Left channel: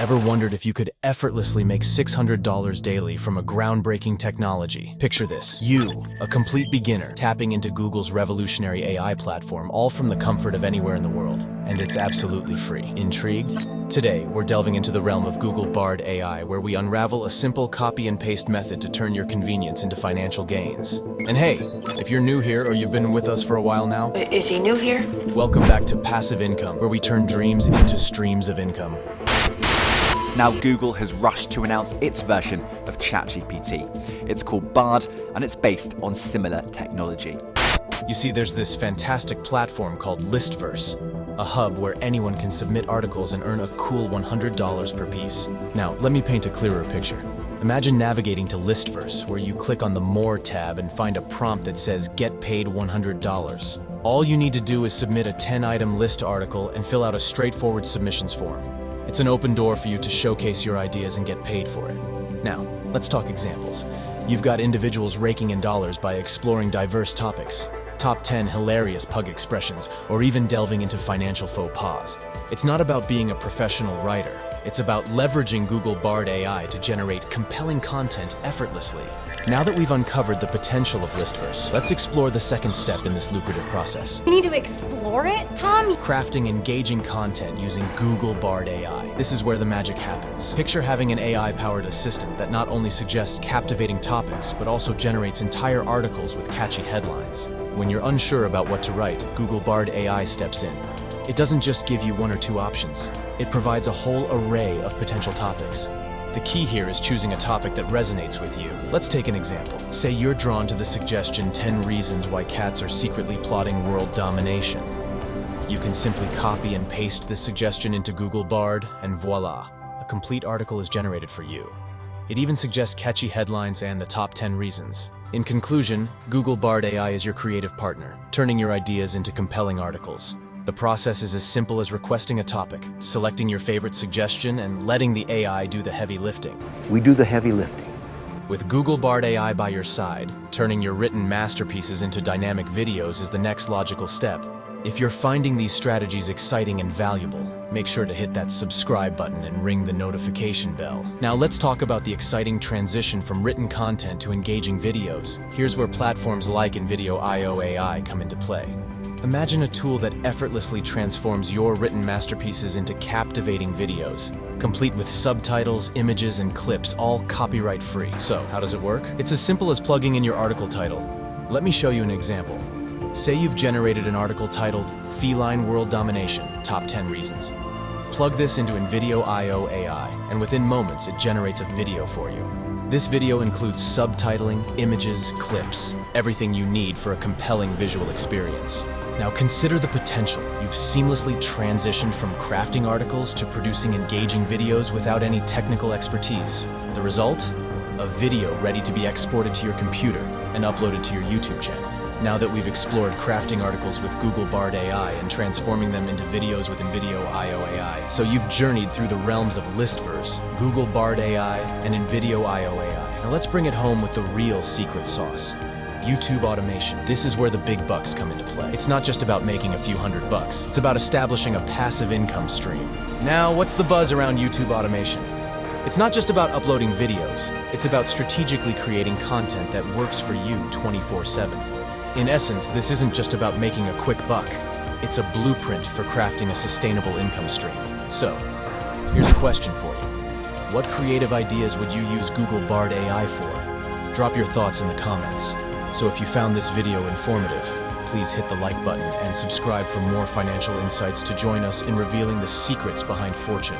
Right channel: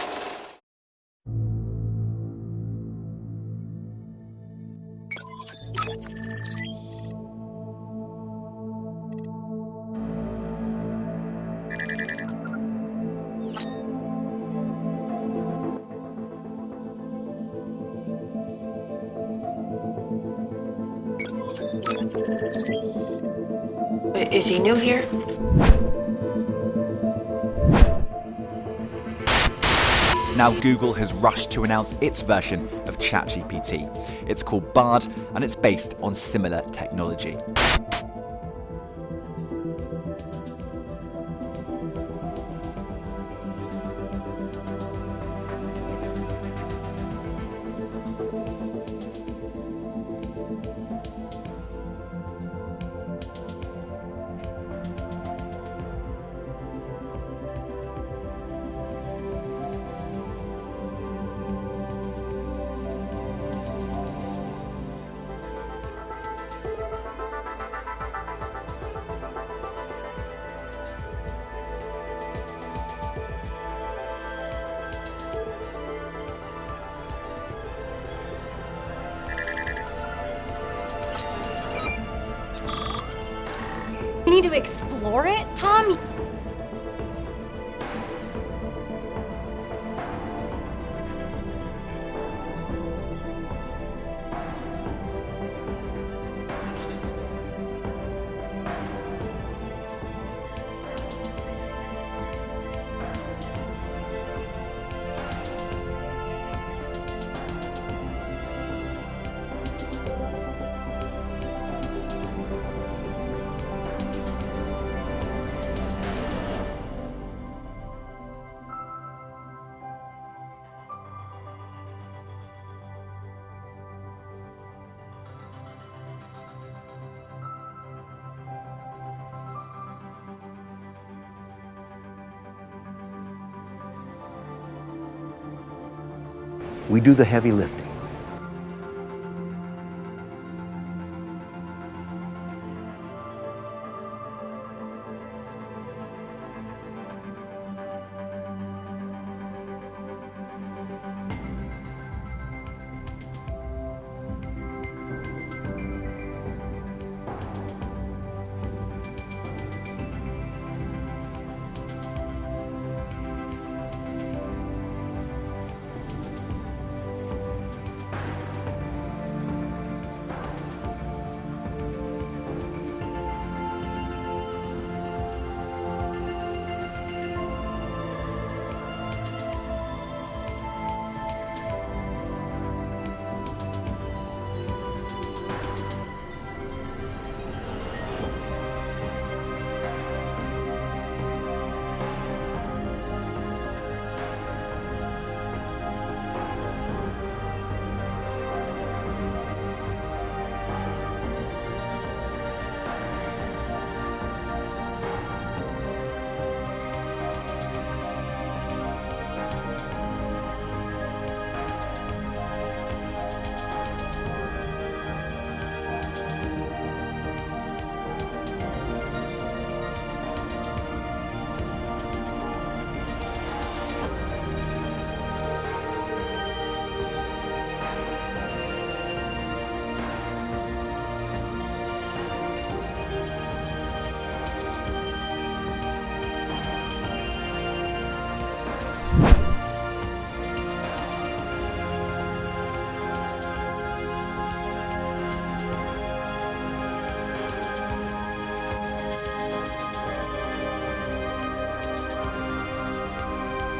Ever wondered if you could effortlessly make $600 daily from a groundbreaking technology? Picture this, you, a complete beginner, tapping into Google's revolutionary AI platform, all from the comfort of anywhere in the world. And it's absolutely free. Intrigued? Today, we're delving into the realm of Google Bard AI, where we unravel a simple copy and paste method to turn your convenience into financial gains. And hey, if you're new here or you've been with us for a while now, Is he new here? welcome back to Passive Income, where we turn dreams into streams of income. Now Google has rushed to announce its version of ChatGPT. It's called Bard, and it's based on similar technology. You see, there's this fantastic platform called Listverse, a hub where anyone can submit articles and earn a cool $100 per piece. Now, let me paint a clearer picture. Imagine navigating to Listverse, where you click on the More tab and find a prompt that says Get Paid $100. All you need to do is submit a 10-item list article and fill out a straightforward submissions form. It's an open door for you to showcase your ideas and get paid for it. Now, let's talk examples. You've got individuals raking in dollars by exploring diverse topics, top 10 hilarious pug expressions, or even delving into financial faux pas. It's not about being a professional writer. It's about leveraging Google Bard AI to generate compelling content effortlessly. Now that we've uncovered the potential of Listverse, let's explore the second step in this lucrative process. You need to explore it, Tom? Crafting engaging content using Google Bard AI. This is where the magic happens. Picture having an AI-powered assistant that not only suggests captivating topics, but also generates entire articles with catchy headlines. When you're unsure about what to write, Google Bard AI steps in. It doesn't just give you one or two options. It provides a whole array of potential topics. The key here is choosing a topic that resonates with you. Let's take an example. Say you're drawn to the suggestion 10 reasons why cats are secretly plotting world domination. You can simply copy and paste this suggestion into Google Bard, and voila, a complete article is generated for you. It even suggests catchy headlines and the top 10 reasons. In conclusion, Google Bard AI is your creative partner, turning your ideas into compelling articles. The process is as simple as requesting a topic, selecting your favorite suggestion, and letting the AI do the heavy lifting. We do the heavy lifting. With Google Bard AI by your side, turning your written masterpieces into dynamic videos is the next logical step. If you're finding these strategies exciting and valuable, make sure to hit that subscribe button and ring the notification bell. Now let's talk about the exciting transition from written content to engaging videos. Here's where platforms like Nvidia IO AI come into play. Imagine a tool that effortlessly transforms your written masterpieces into captivating videos, complete with subtitles, images, and clips, all copyright-free. So, how does it work? It's as simple as plugging in your article title. Let me show you an example. Say you've generated an article titled Feline World Domination, Top 10 Reasons. Plug this into Invidio IO AI, and within moments it generates a video for you. This video includes subtitling, images, clips, everything you need for a compelling visual experience. Now consider the potential. You've seamlessly transitioned from crafting articles to producing engaging videos without any technical expertise. The result? A video ready to be exported to your computer and uploaded to your YouTube channel. Now that we've explored crafting articles with Google Bard AI and transforming them into videos with Invidio IO AI, so you've journeyed through the realms of Listverse, Google Bard AI, and Invidio IO AI. Now let's bring it home with the real secret sauce. YouTube automation. This is where the big bucks come into play. It's not just about making a few $100. It's about establishing a passive income stream. Now, what's the buzz around YouTube automation? It's not just about uploading videos. It's about strategically creating content that works for you 24/7. In essence, this isn't just about making a quick buck. It's a blueprint for crafting a sustainable income stream. So, here's a question for you. What creative ideas would you use Google Bard AI for? Drop your thoughts in the comments. So if you found this video informative, please hit the like button and subscribe for more financial insights to join us in revealing the secrets behind fortune.